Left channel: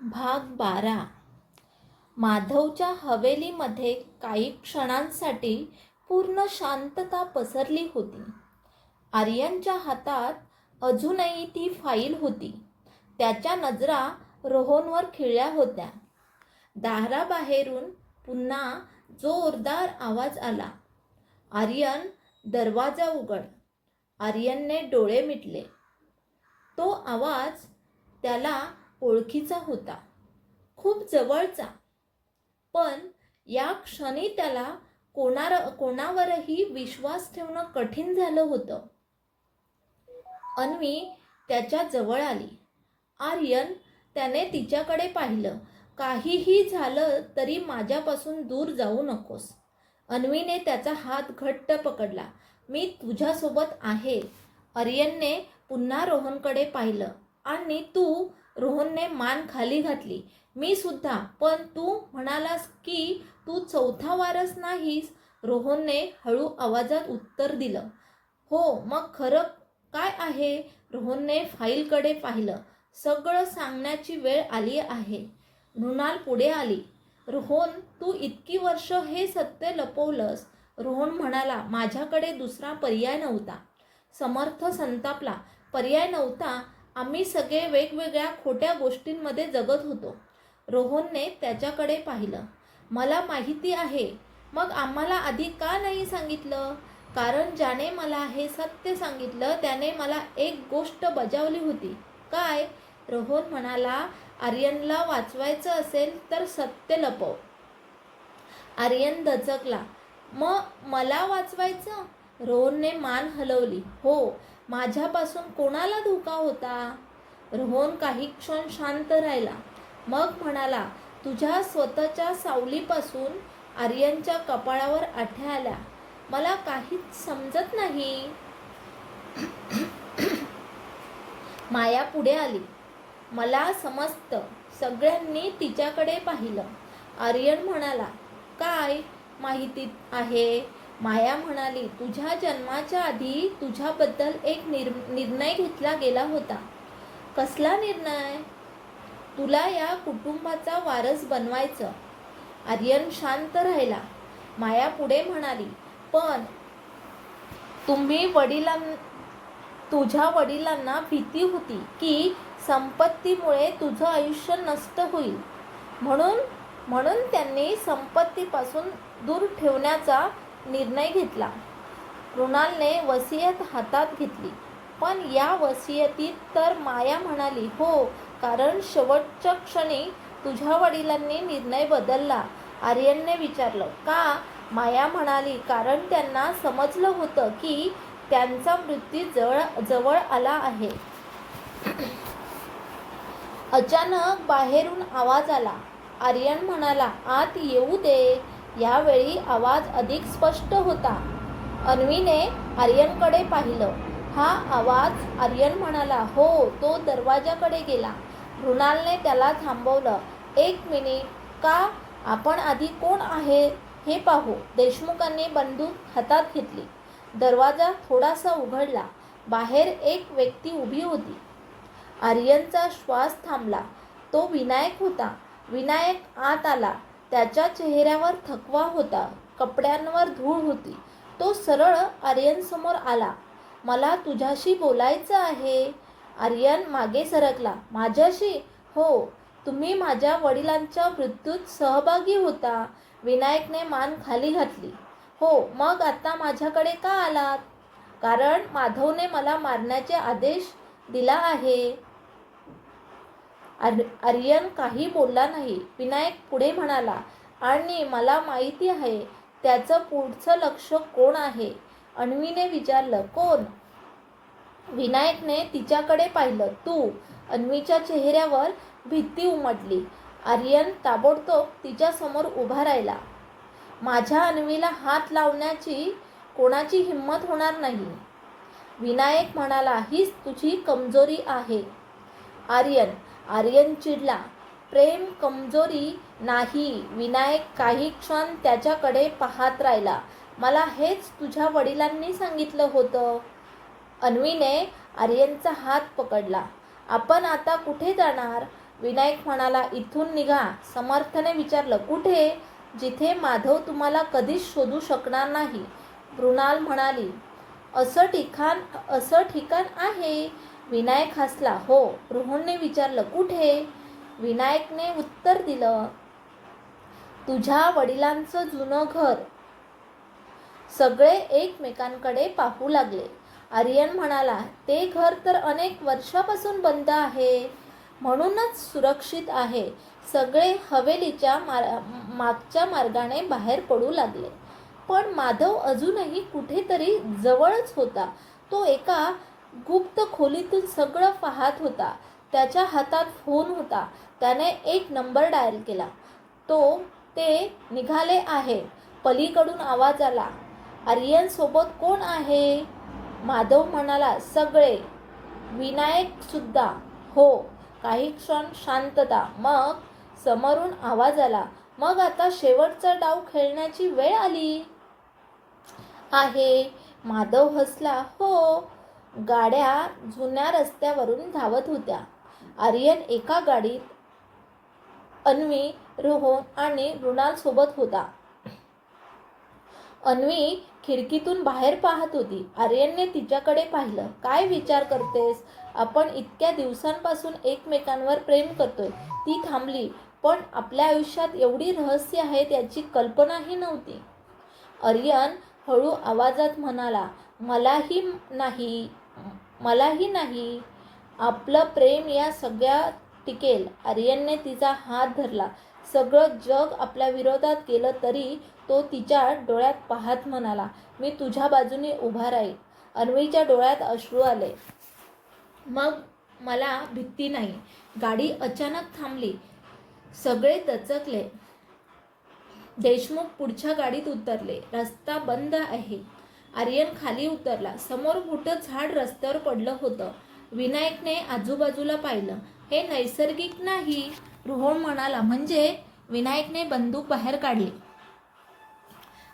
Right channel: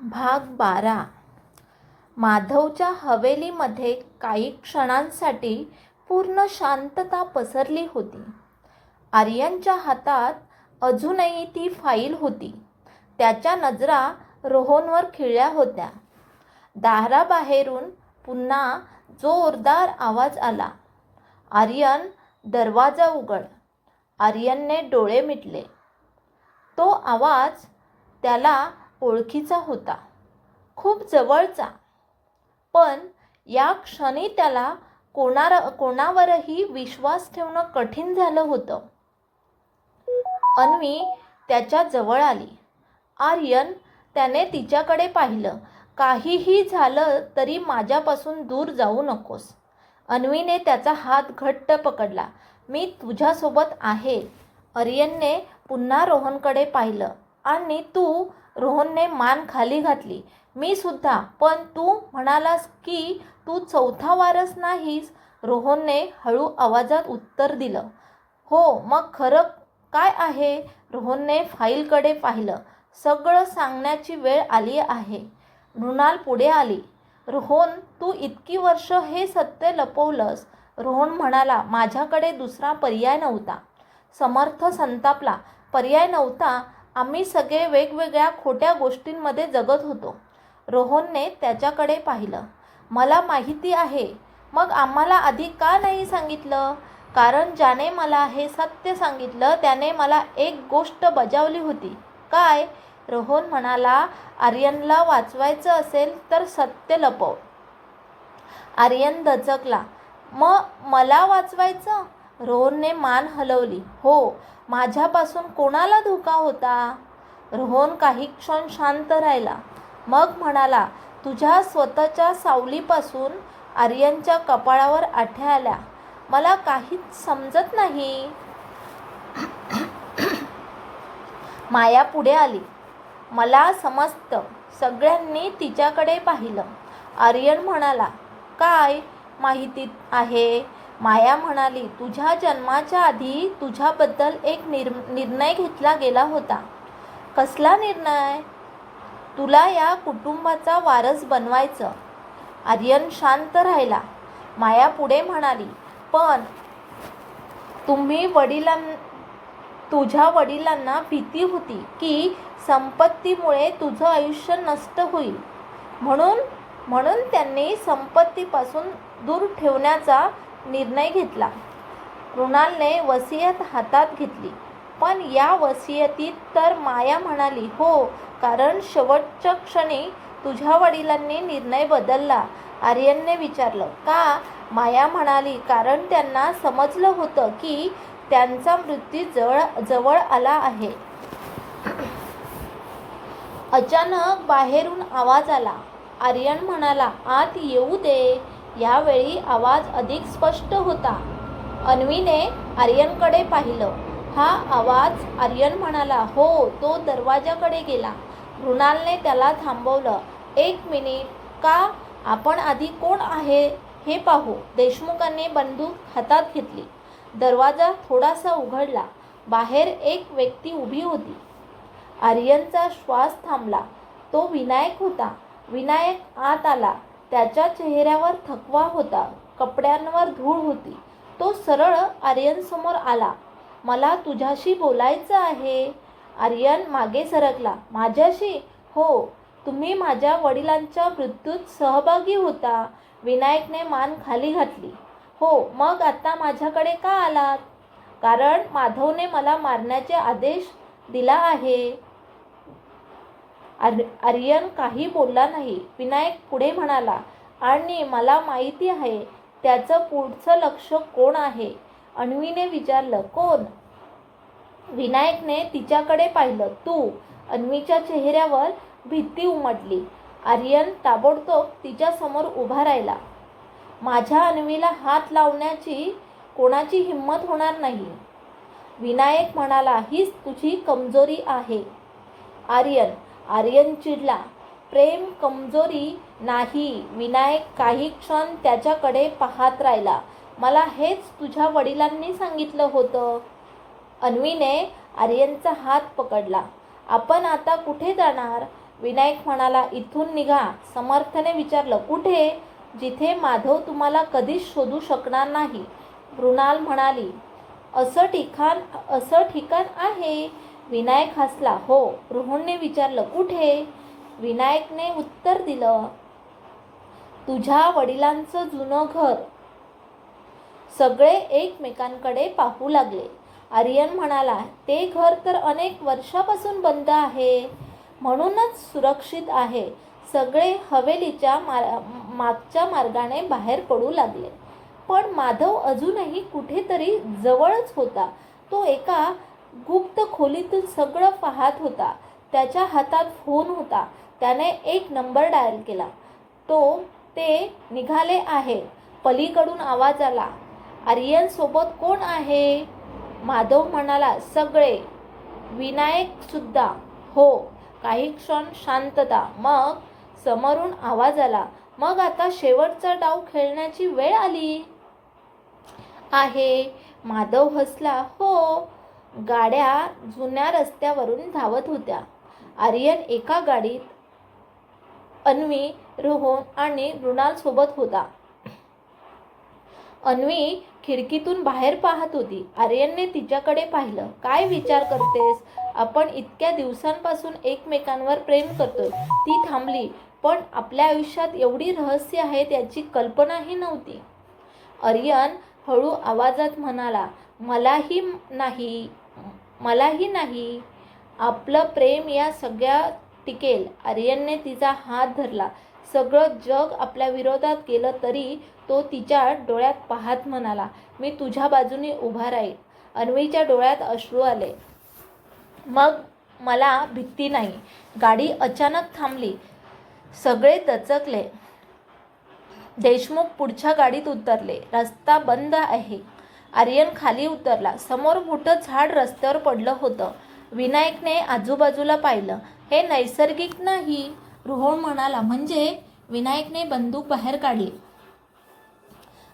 भाग 12. माधवच्या हवेलीमध्ये काही क्षणांसाठी पूर्ण शांतता पसरली होती. आर्यनच्या हातात अजूनही ती फाईल होती. त्याच्या नजरा रोहनवर खिळल्या होत्या. दाराबाहेरून पुन्हा जोरदार आवाज आला, आर्यन, दरवाजा उघड. आर्यनने डोळे मिटले. तो आवाज त्याला ओळखीचा होता, खूप जवळचा. पण या क्षणी त्याला कोणावरही विश्वास ठेवणं कठीण झालं होतं. अन्वी त्याच्या जवळ आली. आर्यन, त्याने तिच्याकडे पाहिलं. काहीही झालं तरी माझ्यापासून दूर जाऊ नकोस. अन्वीने त्याचा हात घट्ट पकडला. मी तुझ्यासोबत आहे. आर्यनने पुन्हा रोहनकडे पाहिलं. आणि तू? रोहनने मान खाली घातली. मी सुद्धा. पण तू म्हणालास की तू चौथा वारस नाहीस. रोहनने हळू आवाजात उत्तर दिलं. हो, मग खरं काय आहे? रोहनने फाईलकडे पाहिलं. सगळं सांगण्याची वेळ आली आहे. मृणाल पुढे आली. रोहन, तू इतकी वर्ष हे सत्य लपवलंस. रोहन म्हणाला, माझ्याकडे दुसरा पर्याय नव्हता. समर्थ संतापला. पर्याय नव्हता? आम्ही सगळे वेगवेगळ्या खोट्या गोष्टींमध्ये जगत होतो. रोहनने त्याच्याकडे पाहिलं. मला माहिती आहे. मग आम्हाला आधी का नाही सांगितलं? कारण ज्याने मला हे सत्य सांगितलं त्याने मला एक गोष्ट बजावली होती. काय? रोहन म्हणाला, आर्यनला वाचवायचं असेल तर सत्य लपव. आर्यन दचकला. मला वाचवायचं? रोहनने मान हलवली. हो. माझ्यापासून कोणाला धोका होता? रोहन काही क्षण शांत राहिला. मग म्हणाला, तुझ्या स्वतःच्या सावलीपासून. आर्यनच्या कपाळावर आठ्या आल्या. मला काहीच समजत नाही. माया पुढे आली. मला समजतं. सगळ्यांनी तिच्याकडे पाहिलं. आर्यन म्हणाला, काय माहिती आहे? माया म्हणाली, तुझ्या जन्माच्या आधी तुझ्याबद्दल एक निर्णय घेतला गेला होता. कसला निर्णय? तुला या कुटुंबाचा वारस बनवायचं. आर्यन शांत राहिला. माया पुढे म्हणाली, पण तुझ्या वडिलांना भीती होती की संपत्तीमुळे तुझं आयुष्य नष्ट होईल. म्हणून त्यांनी संपत्तीपासून दूर ठेवण्याचा निर्णय घेतला. मृणालने वसियत हातात घेतली. पण या वसियतीत तर? माया म्हणाली, हो, कारण शेवटच्या क्षणी तुझ्या वडिलांनी निर्णय बदलला. आर्यनने विचारलं, का? माया म्हणाली, कारण त्यांना समजलं होतं की त्यांचा मृत्यू जवळ आला आहे. अचानक बाहेरून आवाज आला. आर्यन म्हणाला, आत येऊ दे. यावेळी आवाज अधिक स्पष्ट होता. अन्वीने आर्यनकडे पाहिलं. हा आवाज? आर्यन म्हणाला, हो. तो दरवाजाकडे गेला. मृणालने त्याला थांबवलं. एक मिनिट. का? आपण आधी कोण आहे हे पाहू. देशमुखांनी बंदूक हातात घेतली. दरवाजा थोडासा उघडला. बाहेर एक व्यक्ती उभी होती. आर्यनचा श्वास थांबला. तो विनायक होता. विनायक आत आला. त्याच्या चेहऱ्यावर थकवा होता. कपड्यांवर धूळ होती. तो सरळ आर्यनसमोर आला. मला तुझ्याशी बोलायचं आहे. आर्यन मागे सरकला. माझ्याशी? हो. तुम्ही माझ्या वडिलांच्या मृत्यूत सहभागी होता. विनायकने मान खाली घातली. हो. मग आता माझ्याकडे का आलात? कारण माधवने मला मारण्याचे आदेश दिला आहे. आर्यन काही बोलला नाही. विनायक पुढे म्हणाला, आणि मला माहिती आहे त्याचं पुढचं लक्ष कोण आहे. अन्वीने विचारलं, कोण? विनायकने तिच्याकडे पाहिलं. तू. अन्वीच्या चेहऱ्यावर भीती उमटली. आर्यन ताबडतोब तिच्यासमोर उभा राहिला. माझ्या अन्वीला हात लावण्याची कोणाची हिंमत होणार नाही. विनायक म्हणाला, हीच तुझी कमजोरी आहे. आर्यन चिडला. प्रेम कमजोरी नाही. विनायक काही क्षण त्याच्याकडे पाहत राहिला. मला हेच तुझ्या वडिलांनी सांगितलं होतं. अन्वीने आर्यनचा हात पकडला. आपण आता कुठे जाणार? विनायक म्हणाला, इथून निघा. समर्थने विचारलं, कुठे? जिथे माधव तुम्हाला कधीच शोधू शकणार नाही. मृणाल म्हणाली, असं ठिकाण आहे. विनायक हसला. हो. रोहनने विचारलं, कुठे? विनायकने उत्तर दिलं, तुझ्या वडिलांचं जुनं घर. सगळे एकमेकांकडे पाहू लागले. आर्यन म्हणाला, ते घर तर अनेक वर्षापासून बंद आहे, म्हणूनच सुरक्षित आहे. सगळे हवेलीच्या मागच्या मार्गाने बाहेर पडू लागले. पण माधव अजूनही कुठेतरी जवळच होता. तो एका गुप्त खोलीतून सगळं पाहत होता. त्याच्या हातात फोन होता. त्याने एक नंबर डायल केला. ते निघाले आहे. पलीकडून आवाज आला, आर्यन सोबत कोण आहे? माधव म्हणाला, सगळे. विनायक सुद्धा? हो. काही क्षण शांतता. मग समोरून आवाज आला, मग आता शेवटचा डाव खेळण्याची वेळ आली आहे. माधव हसला. हो. गाड्या जुन्या रस्त्यावरून धावत होत्या. आर्यन एका गाडीत अन्वी, रोहन आणि मृणाल सोबत होता. अन्वी खिडकीतून बाहेर पाहत होती. आर्यनने तिच्याकडे पाहिलं. काय विचार करतेस? आपण इतक्या दिवसांपासून एकमेकांवर प्रेम करतोय. ती थांबली. पण आपल्या आयुष्यात एवढी रहस्य आहेत याची कल्पनाही नव्हती. आर्यन हळू आवाजात म्हणाला, मलाही नाही. आपलं प्रेम या सगळ्यात टिकेल. आर्यनने तिचा हात धरला. सगळं जग आपल्या विरोधात गेलं तरी तो तिच्या डोळ्यात पाहत म्हणाला, मी तुझ्या बाजूने उभा राहील. अन्वीच्या डोळ्यात अश्रू आले. मग मला भीती नाही. गाडी अचानक थांबली. सगळे दचकले. देशमुख पुढच्या गाडीत उतरले. रस्ता बंद आहे. आर्यन खाली उतरला. समोर मोठं झाड रस्त्यावर पडलं होतं. विनायकने आजूबाजूला पाहिलं. हे नैसर्गिक नाही. रोहन म्हणाला, म्हणजे? विनायकने बंदूक बाहेर काढली.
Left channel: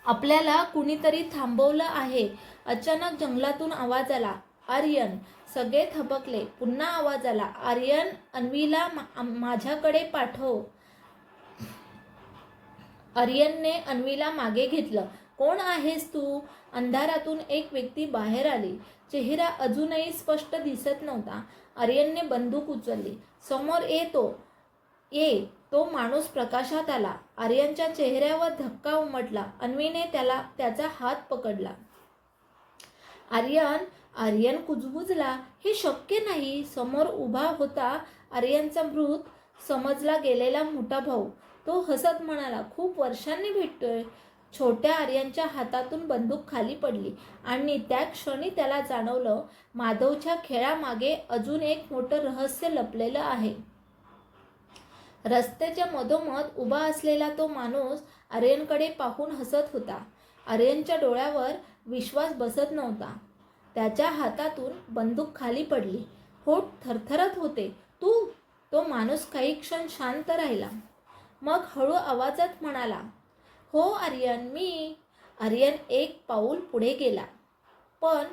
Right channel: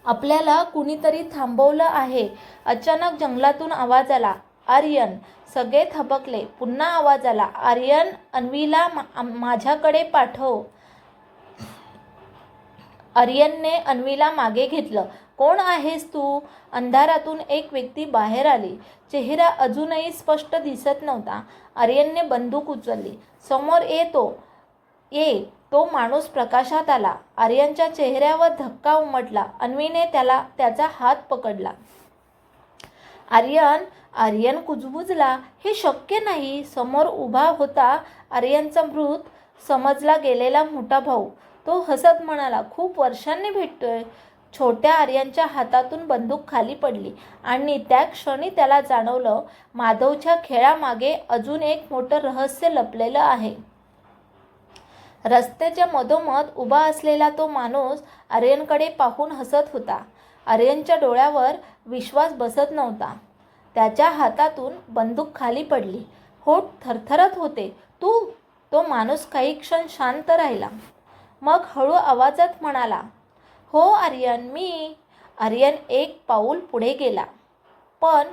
आपल्याला कुणीतरी थांबवलं आहे. अचानक जंगलातून आवाज आला, आर्यन. सगळे थबकले. पुन्हा आवाज आला, आर्यन, अन्वीला माझ्याकडे पाठव. आर्यनने अन्वीला मागे घेतलं. कोण आहेस तू? अंधारातून एक व्यक्ती बाहेर आली. चेहरा अजूनही स्पष्ट दिसत नव्हता. आर्यनने बंदूक उचलली. समोर ये. तो माणूस प्रकाशात आला. आर्यनच्या चेहऱ्यावर धक्का उमटला. अन्वीने त्याचा हात पकडला. आर्यन कुजबुजला. हे शक्य नाही. समोर उभा होता आर्यनचा मृत समजला गेलेला मोठा भाऊ. तो हसत म्हणाला, खूप वर्षांनी भेटतोय. छोट्या आर्यनच्या हातातून बंदूक खाली पडली आणि त्या क्षणी त्याला जाणवलं, माधवच्या खेळामागे अजून एक मोठं रहस्य लपलेलं आहे. रस्त्याच्या मधोमध उभा असलेला तो माणूस आर्यनकडे पाहून हसत होता. आर्यनच्या डोळ्यावर विश्वास बसत नव्हता. त्याच्या हातातून बंदूक खाली पडली. होठ थरथरत होते. तू? तो माणूस काही क्षण शांत राहिला. मग हळू आवाजात म्हणाला, हो आर्यन, मी. आर्यन एक पाऊल पुढे गेला. पण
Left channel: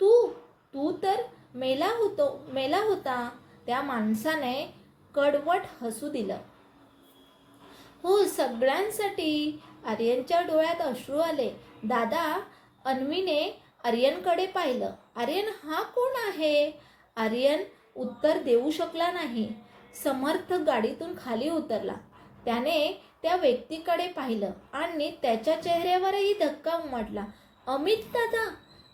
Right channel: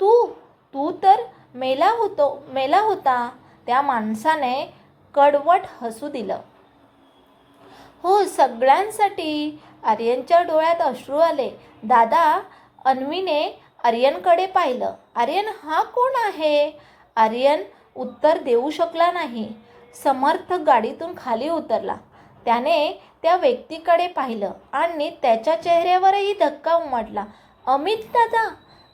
तू तर मेला होता. त्या माणसाने कडवट हसू दिलं. हो, सगळ्यांसाठी. आर्यनच्या डोळ्यात अश्रू आले. दादा. अन्वीने आर्यनकडे पाहिलं. आर्यन, हा कोण आहे? आर्यन उत्तर देऊ शकला नाही. समर्थ गाडीतून खाली उतरला. त्याने त्या व्यक्तीकडे पाहिलं आणि त्याच्या चेहऱ्यावरही धक्का उमटला. अमित दादा.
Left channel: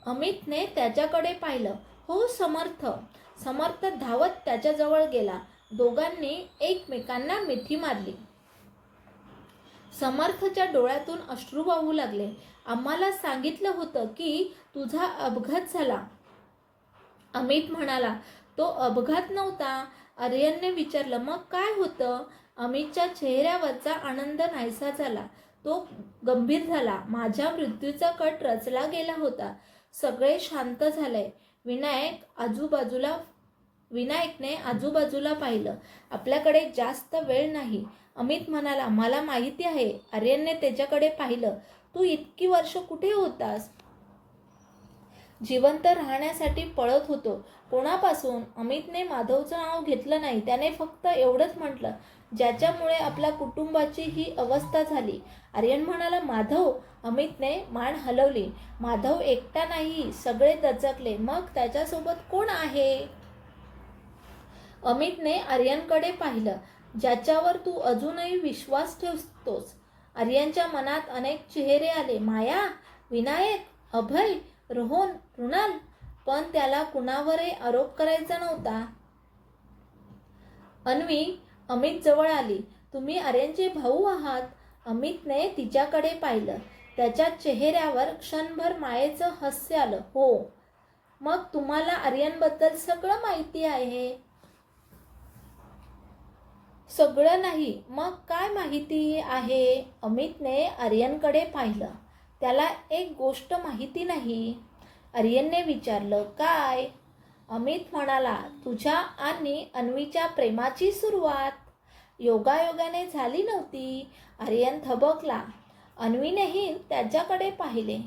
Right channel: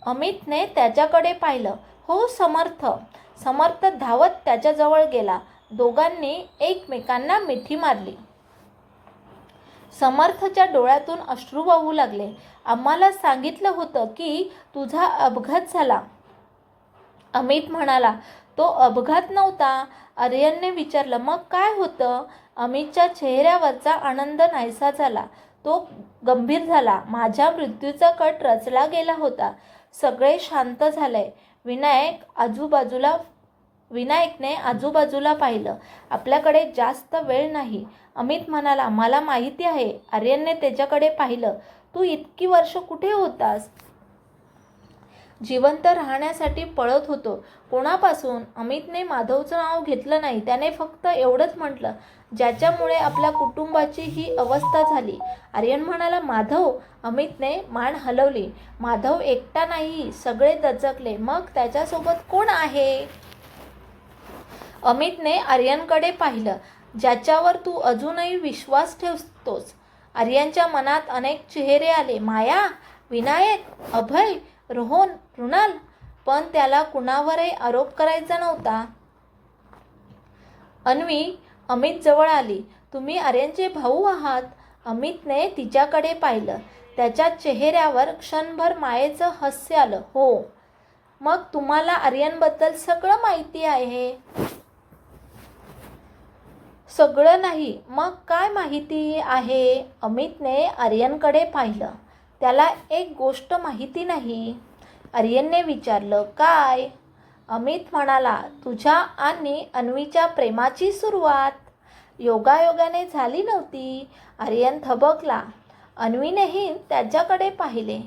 अमितने त्याच्याकडे पाहिलं. हो, समर्थ धावत त्याच्याजवळ गेला. दोघांनी एकमेकांना मिठी मारली. समर्थच्या डोळ्यातून अश्रू वाहू लागले. आम्हाला सांगितलं होतं की तुझा अपघात झाला. अमित म्हणाला, तो अपघात नव्हता. आर्यनने विचारलं, मग काय होतं? अमितच्या चेहऱ्यावरचा आनंद नाहीसा झाला. तो गंभीर झाला. माझ्या मृत्यूचा कट रचला गेला होता. सगळे शांत झाले. विनायकने आजूबाजूला पाहिलं. आपल्याकडे जास्त वेळ नाही. अमित म्हणाला, मला माहिती आहे. आर्यनने त्याच्याकडे पाहिलं. तू इतकी वर्ष कुठे होतास? जिवंत राहण्यासाठी पळत होतो. कोणापासून? अमितने माधवचं नाव घेतलं नाही. त्याने फक्त एवढंच म्हटलं, ज्याच्यामुळे आपल्या कुटुंबाची ही अवस्था झाली. आर्यन म्हणाला, माधव? अमितने मान हलवली. माधव एकटा नाही. सगळे दचकले. मग त्याच्यासोबत कोण आहे? अमितने आर्यनकडे पाहिलं, ज्याच्यावर तू अजूनही विश्वास ठेवतोस. आर्यनच्या मनात अनेक चेहरे आले. माया, विनायक, अभय, रोहन, रुणाल. पण त्याला कुणावरही आरोप करायचा नव्हता. अन्वी अमित जवळ आली. तुम्ही आर्यनचे भाऊ आहात? अमितने तिच्याकडे पाहिलं. त्याच्या चेहऱ्यावर क्षणभर मायेचं हास्य आलं. हो. मग तुम्हाला आर्यनबद्दल सगळं माहिती आहे? सगळं नाही. मग काय माहिती आहे? अमितने आर्यनकडे पाहिलं. त्याला एक गोष्ट माहिती नाही. आर्यनने विचारलं, काय? अमित म्हणाला, तुझ्या आणि अन्वीच्या प्रेमाची सुरुवात योगायोगाने झाली नव्हती. आर्यन थबकला. अन्वीनेही त्याच्याकडे पाहिले.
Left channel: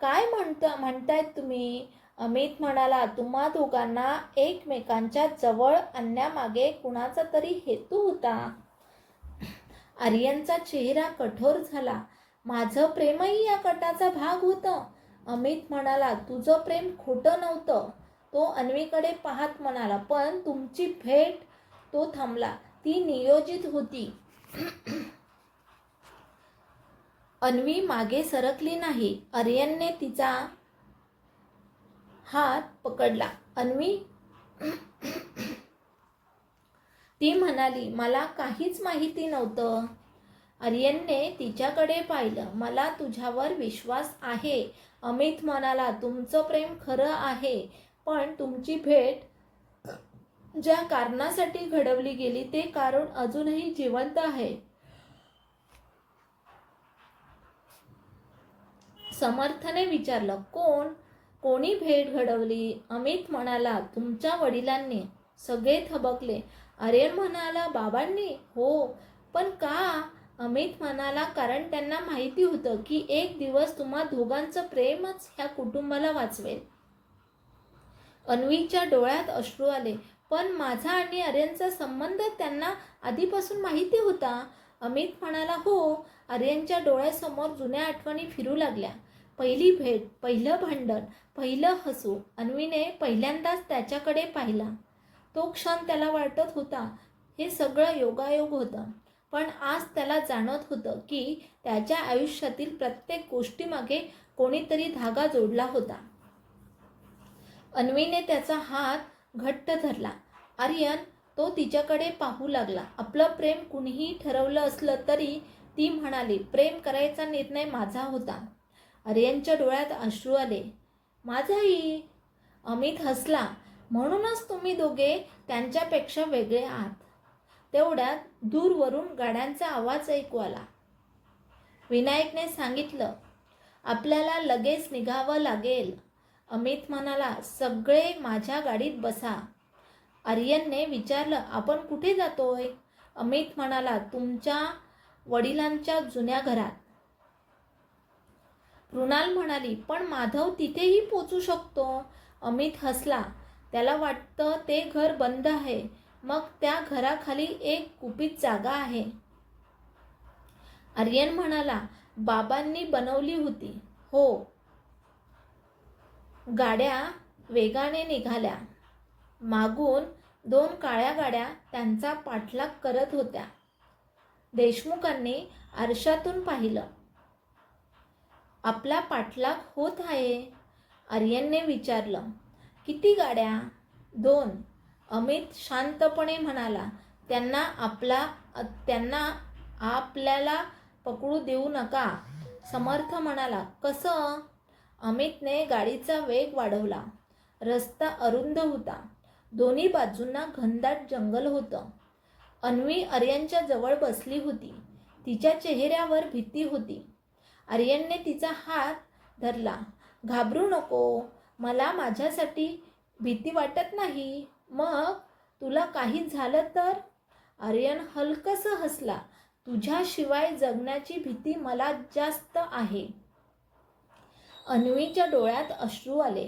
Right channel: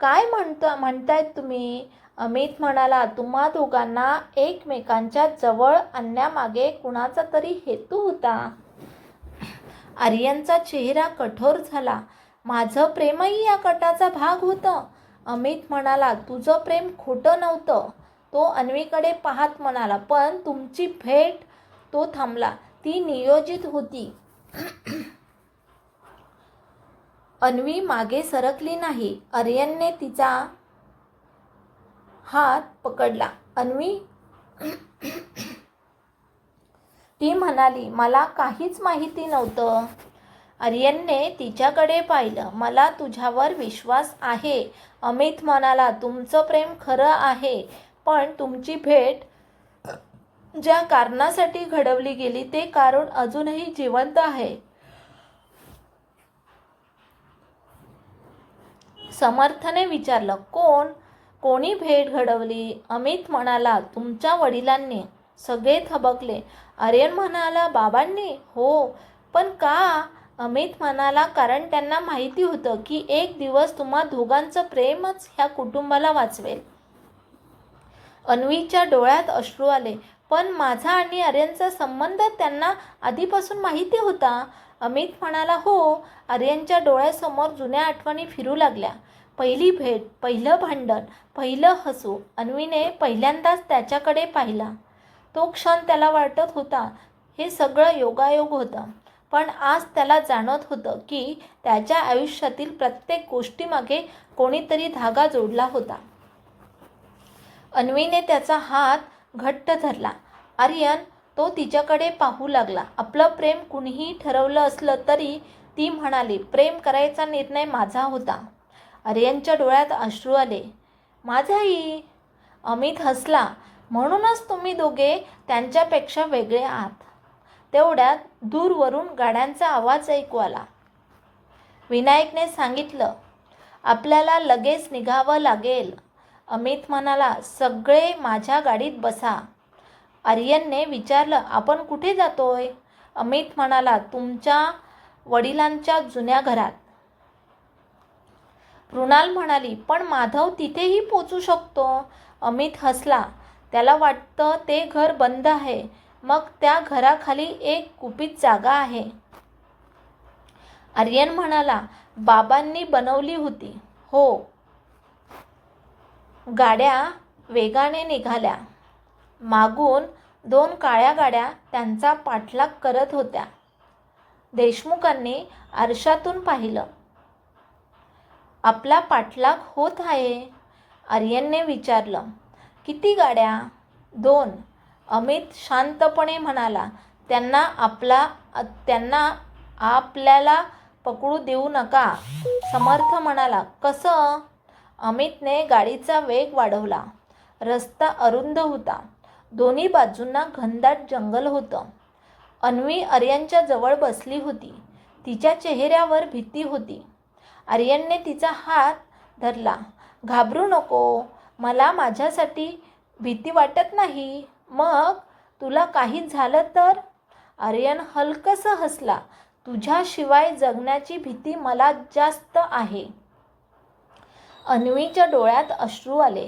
काय म्हणतायत तुम्ही? अमित म्हणाला, तुम्हा दोघांना एकमेकांच्या जवळ आणण्यामागे कुणाचा तरी हेतू होता. आर्यनचा चेहरा कठोर झाला. माझं प्रेमही या कटाचा भाग होतं. अमित म्हणाला, तुझं प्रेम खोटं नव्हतं. तो अन्वीकडे पाहत म्हणाला, पण तुमची भेट. तो थांबला. ती नियोजित होती. अन्वी मागे सरकली नाही. आर्यनने तिचा हात पकडला. अन्वी, ती म्हणाली, मला काहीच माहिती नव्हतं. आर्यनने तिच्याकडे पाहिलं. मला तुझ्यावर विश्वास आहे. अमित म्हणाला, तुमचं प्रेम खरं आहे, पण तुमची भेट ज्या कारणासाठी घडवली गेली ते कारण अजूनही जिवंत आहे. समर्थने विचारलं, कोणी भेट घडवली? अमित म्हणाला, तुमच्या वडिलांनी. सगळे थबकले. आर्यन म्हणाला, बाबांनी? हो. पण का? अमित म्हणाला, कारण त्यांना माहिती होतं की एक दिवस तुम्हा दोघांचं प्रेमच ह्या कुटुंबाला वाचवेल. अन्वीच्या डोळ्यात अश्रू आले. पण माझा आणि आर्यनचा संबंध त्यांना आधीपासून माहिती होता. अमित म्हणाला, हो. आर्यनच्या डोळ्यासमोर जुन्या आठवणी फिरू लागल्या. पहिली भेट, पहिलं भांडण, पहिलं हसू. अन्वीने पहिल्यांदाच त्याच्याकडे पाहिला. तो क्षण त्याला वाटत होता हे सगळं योगायोग होतं. पण आज त्याला जाणवत होतं की त्याच्या आयुष्यातील प्रत्येक गोष्टीमागे कोणीतरी धागा जोडला होता. अन्वीने त्याचा हात घट्ट धरला. आर्यन, तो तिच्याकडे पाहू लागला. आपलं प्रेम कुणीही ठरवलं असलं तरी, ती म्हणाली, प्रेम करायचा निर्णय माझा होता. आर्यनच्या डोळ्यात अश्रू आले. माझाही. अमित हसला. म्हणूनच तुम्ही दोघे त्यांच्यापेक्षा वेगळे आहात. तेवढ्यात दूरवरून गाड्यांचा आवाज ऐकू आला. विनायकने सांगितलं, आपल्याला लगेच निघावं लागेल. अमित म्हणाला, सगळे माझ्या गाडीत बसा. आर्यनने विचारलं, आपण कुठे जातोय? अमित म्हणाला, तुमच्या वडिलांच्या जुन्या घरात. रुणाल म्हणाली, पण माधव तिथेही पोचू शकतो. अमित हसला. त्याला वाटतं ते घर बंद आहे. मग त्या घराखाली एक गुपित जागा आहे. आर्यन म्हणाला, बाबांनी बनवली होती. हो. गाड्या वेगाने निघाल्या. मागून 2 काळ्या गाड्या त्यांचा पाठलाग करत होत्या. देशमुखांनी आरशातून पाहिलं. आपला पाठलाग होत आहे. आर्यनने विचारलं, किती गाड्या? 2. अमित शांतपणे म्हणाला, त्यांना आपल्याला पकडू देऊ नका. समर्थ म्हणाला, कसं? अमितने गाडीचा वेग वाढवला. रस्ता अरुंद होता. दोन्ही बाजूंना घनदाट जंगल होतं. अन्वी आर्यनच्या जवळ बसली होती. तिच्या चेहऱ्यावर भीती होती. आर्यनने तिचा हात धरला. घाबरू नको. मला माझ्यासाठी भीती वाटत नाही. मग तुला काही झालं तर? आर्यन हलकसं हसला. तुझ्याशिवाय जगण्याची भीती मला जास्त आहे. अन्वीच्या डोळ्यात अश्रू आले.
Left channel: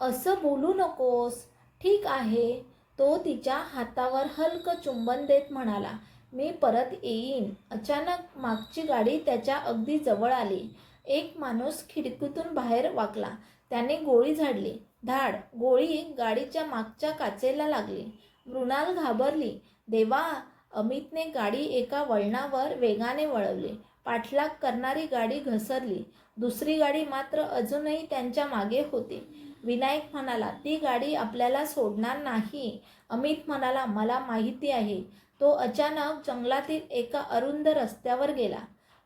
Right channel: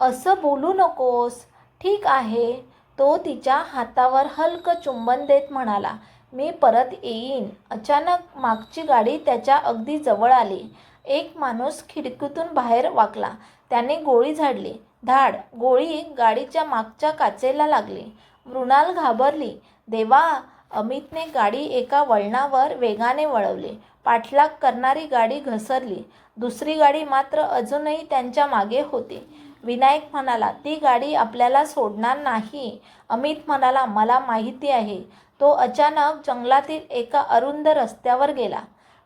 असं बोलू नकोस. ठीक आहे. तो तिच्या हातावर हलकं चुंबन देत म्हणाला, मी परत येईन. अचानक मागची गाडी त्याच्या अगदी जवळ आली. एक माणूस खिडकीतून बाहेर वाकला. त्याने गोळी झाडली. धाड. गोळी गाडीच्या मागच्या काचेला लागली. मृणाल घाबरली. देवा. अमितने गाडी एका वळणावर वेगाने वळवली. पाठलाग करणारी गाडी घसरली. दुसरी गाडी मात्र अजूनही त्यांच्या मागे होती. विनायक म्हणाला, ती गाडी आपल्याला सोडणार नाही. अमित म्हणाला, मला माहिती आहे. तो अचानक जंगलातील एका अरुंद रस्त्यावर गेला.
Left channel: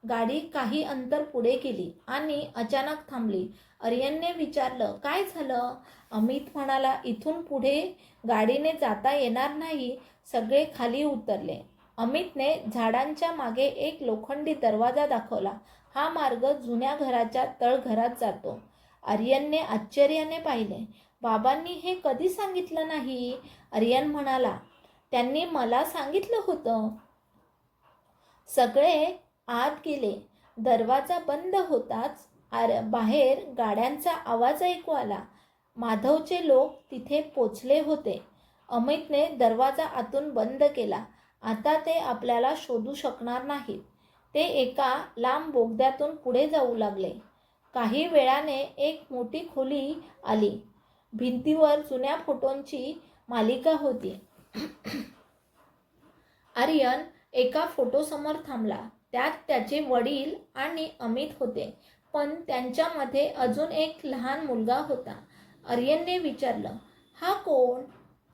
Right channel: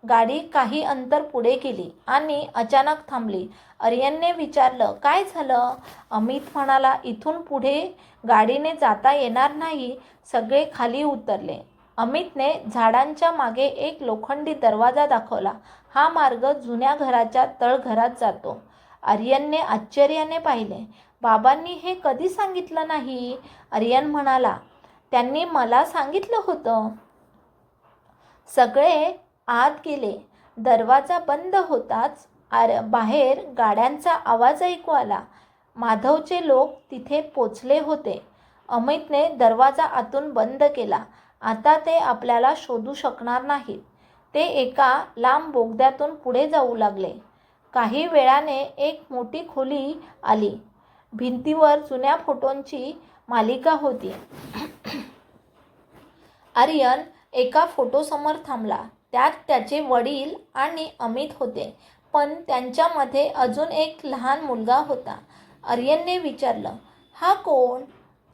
गाडी काही अंतर पुढे गेली आणि अचानक थांबली. आर्यनने विचारलं, काय झालं? अमित म्हणाला, इथून पुढे गाडीने जाता येणार नाही. सगळे खाली उतरले. अमितने झाडांच्या मागे एक लोखंडी दरवाजा दाखवला. हा मार्ग जुन्या घराच्या तळघरात जातो. आर्यनने आश्चर्याने पाहिले. बाबांनी हे कधी सांगितलं नाही? आर्यन म्हणाला, त्यांनी मला सांगितलं होतं. सगळे आत गेले. दरवाजा बंद होताच बाहेर गाड्यांचा आवाज ऐकू आला. माधवचे लोक तिथे पोचले होते. अमितने दरवाजा आतून बंद केला. आता ते आपल्याला शोधू शकणार नाहीत. ते एका लांब बोगद्यातून पुढे जाऊ लागले. काही वेळाने एक मोठी खोली आली. भिंतीवर जुन्या फोटोंची मालिका होती. आर्यन एका फोटोसमोर थांबला. त्यात त्याचे वडील आणि अमित होते, पण त्यांच्यामध्ये अजून एक लहान मुलगा होता. आर्यनने विचारलं, हा कोण?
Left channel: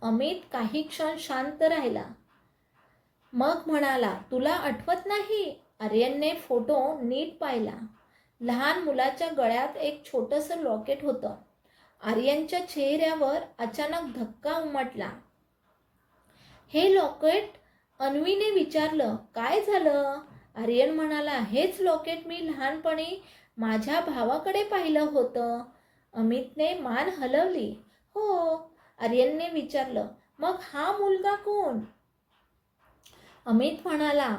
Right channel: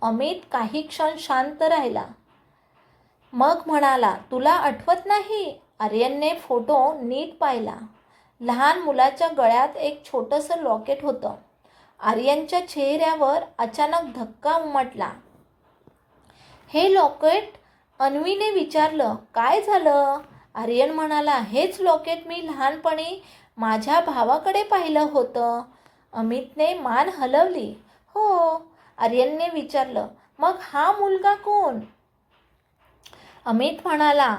अमित काही क्षण शांत राहिला. मग म्हणाला, तुला आठवत नाही? आर्यनने फोटो नीट पाहिला. लहान मुलाच्या गळ्यात एक छोटंसं लॉकेट होतं. आर्यनच्या चेहऱ्यावर अचानक धक्का उमटला. हे लॉकेट? अन्वीने विचारलं. काय झालं? आर्यन म्हणाला, हेच लॉकेट मी लहानपणी माझ्या भावाकडे पाहिलं होतं. अमितने मान हलवली. हो. आर्यनने विचारलं, मग हा मुलगा कोण? अमित म्हणाला,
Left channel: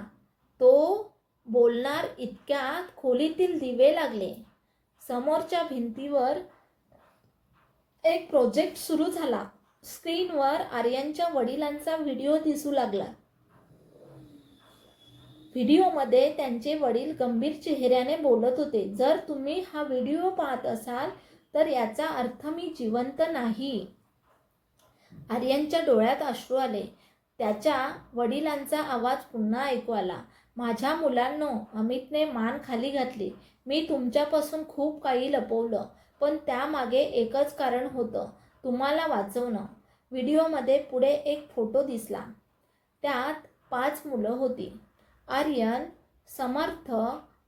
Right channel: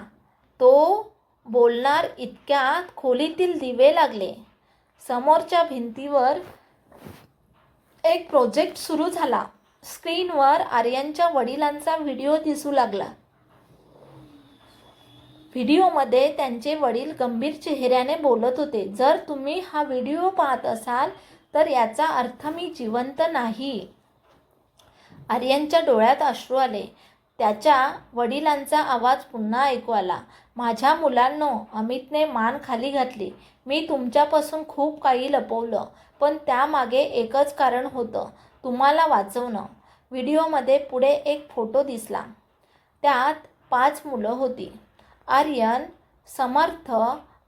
तो बोलणार इतक्यात खोलीतील दिवे लागले. समोरच्या भिंतीवर एक प्रोजेक्ट सुरू झाला. स्क्रीनवर आर्यनच्या वडिलांचा व्हिडिओ दिसू लागला. व्हिडिओमध्ये त्यांचे वडील गंभीर चेहऱ्याने बोलत होते. जर तुम्ही हा व्हिडिओ पाहत असाल तर याचा अर्थ मी जिवंत नाही. आर्यनच्या डोळ्यात अश्रू आले. त्याच्या वडिलांचा आवाज पुन्हा ऐकू आला. माझ्या मुलांनो, अमितने मान खाली घातली. मी तुमच्यापासून खूप काही लपवलं, पण त्यामागे एकच कारण होतं, तुम्हाला वाचवणं. व्हिडिओमध्ये पुढे एक फोटो दिसला. त्यात 5 मुलं होती. आर्यन, समर्थ,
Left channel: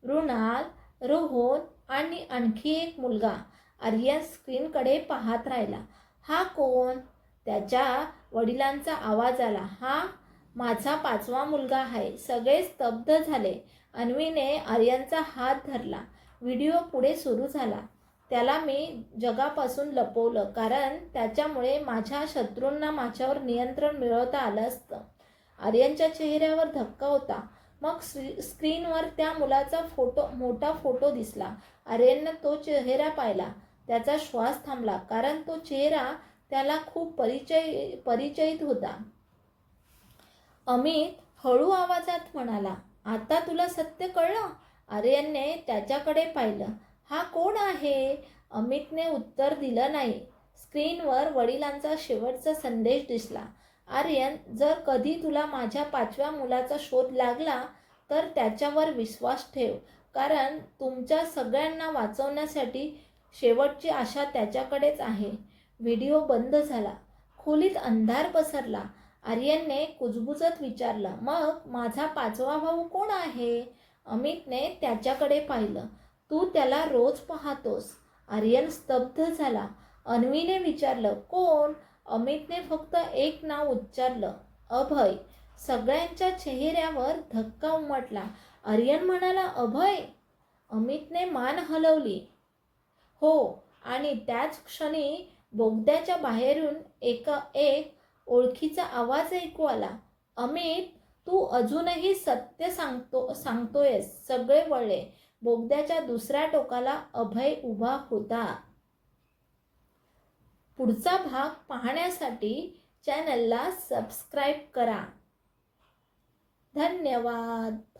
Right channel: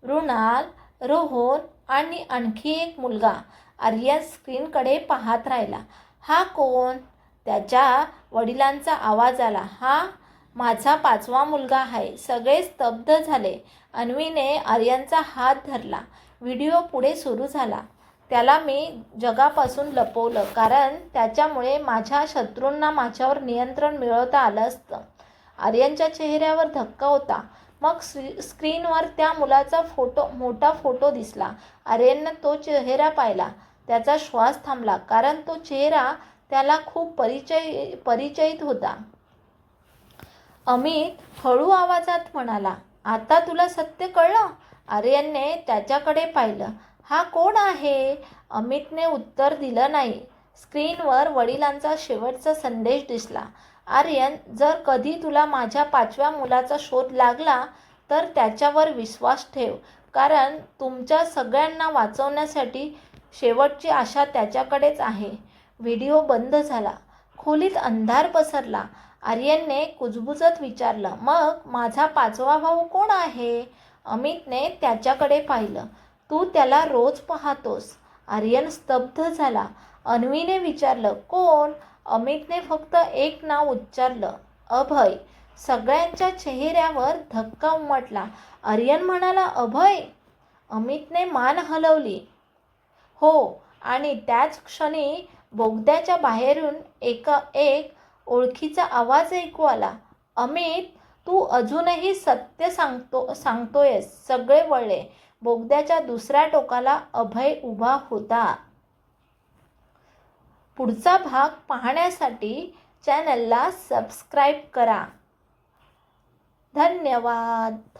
मृणाल, रोहन आणि आणखी एक मुलगा. आर्यन स्क्रीनकडे पाहत राहिला. हा कोण? त्याच्या वडिलांचा आवाज आला. हा माझा 5वा मुलगा आहे. सगळे स्तब्ध झाले. अन्वीने आर्यनचा हात धरला. व्हिडिओ पुढे सुरू झाला. त्याला मी जगापासून लपवलं, कारण त्याच्यामुळे माझ्या शत्रूंना माझ्यावर नियंत्रण मिळवता आलं असतं. आर्यनच्या चेहऱ्यावर धक्का होता. मग स्क्रीनवर त्या मुलाचा मोठा फोटो दिसला. आर्यनने तो चेहरा पाहिला. त्याचा श्वास थांबला, कारण तो चेहरा त्याला खूप परिचित होता. अमित हळू आवाजात म्हणाला, आता तुला सत्य कळलं? आर्यनने त्याच्याकडे पाहिलं. हा कोण आहे? अमितने उत्तर दिलं नाही. स्क्रीनवर वडिलांचा शेवटचा संदेश दिसला. आर्यन, जर कधी तुला माझ्या 5व्या मुलाचा शोध लागला तर त्याच्यावर विश्वास ठेव, कारण तुमच्या सगळ्यांना वाचवण्यासाठी शेवटची आशा त्याच्याकडेच आहे. व्हिडिओ बंद झाला. खोलीत अंधार पसरला. आर्यनने कुजबुजत विचारलं, मग माझा 5वा भाऊ कोण आहे? अमितने त्याच्याकडे पाहिलं. तू त्याला रोज पाहतोस. आर्यन स्तब्ध झाला. अन्वीने विचारलं, कोण? अमितने फक्त एक नाव उच्चारलं, अभय. सगळ्यांच्या चेहऱ्यावर धक्का उमटला. आर्यन म्हणाला, अभय? अमितने मान हलवली. हो. आणि त्याच क्षणी बोगद्याच्या बाहेरून एक ओळखीचा आवाज ऐकू आला. अमित, तू अजूनही सत्य सांगतोयस. सगळे वळले. बोगद्याच्या दुसऱ्या टोकाला अभय उभा होता. पुढचा भाग पाहण्यासाठी चॅनलला सबस्क्राईब करा. धन्यवाद.